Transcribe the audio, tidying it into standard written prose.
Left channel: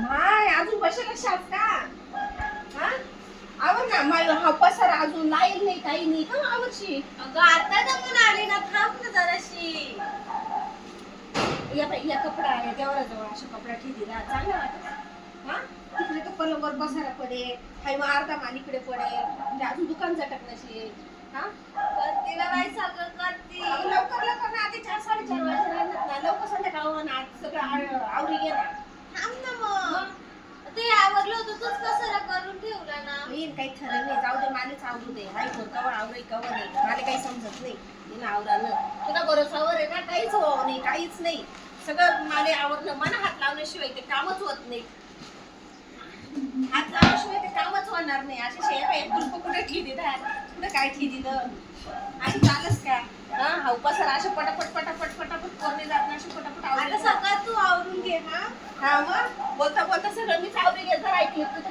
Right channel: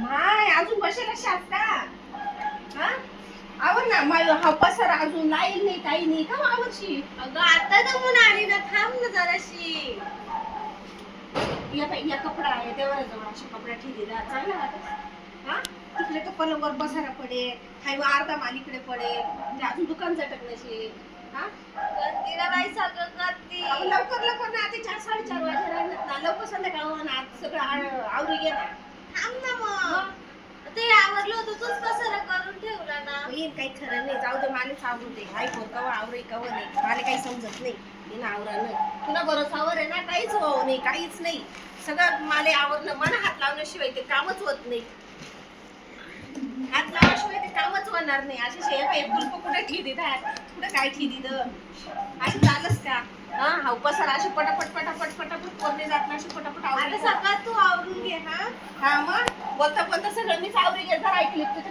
माय अजून बसेल शास का? हा आवर ना मला हा पसारा अजून लाईल नाही काही नाही का आवडशी. अगं आता दमून आली ना, थांब ना जराशी. या कपडा आहे देवरा जवळ असे कपडा ठेवली राहा चांगला वाटत. हा तिकडे तो पलंगावर बसायला पडेल, हाय मग अर्धा मालीकडे पडेल, म्हणजे अजून दुकान झटक नसेल. हा करतीला बाई सगळं करती. लवकर लवकर ना आता 4-4:30 वाजता राहणार ना, लवकर संध्याकाळ होणार सगळं आवरी घे ना. थांब ना मग. ते आवरलं होतं तूच कसाला करून ठेवला ना. येईन काही खरं नाही, जाऊ दे मालेच आवरू दे. हाय कोण कवा आवरे कवा नाही मला काही समजत नाही. येईन आवरानं तुला भरोसावर आहे ना, काहीच हो नाही काहीच नाही. सगळं माले आवरणं मन हात लावण्याशिवाय ते कामच होत नाही. हात लावल्याशिवाय ते कामच होणार नाही. असे शेफ कुलप कुठे ठेवी कुठे काय ठेवी अशी चालच का? हा पसार असे पटापट पटापट पटापट कोरणे जात ना, असे पटापट आता आवडे. सकाळ तू आवरून घे. हा हा मग बोलता बोलता सगळं मीच आवरे घे. जर ऐकली तुझ्या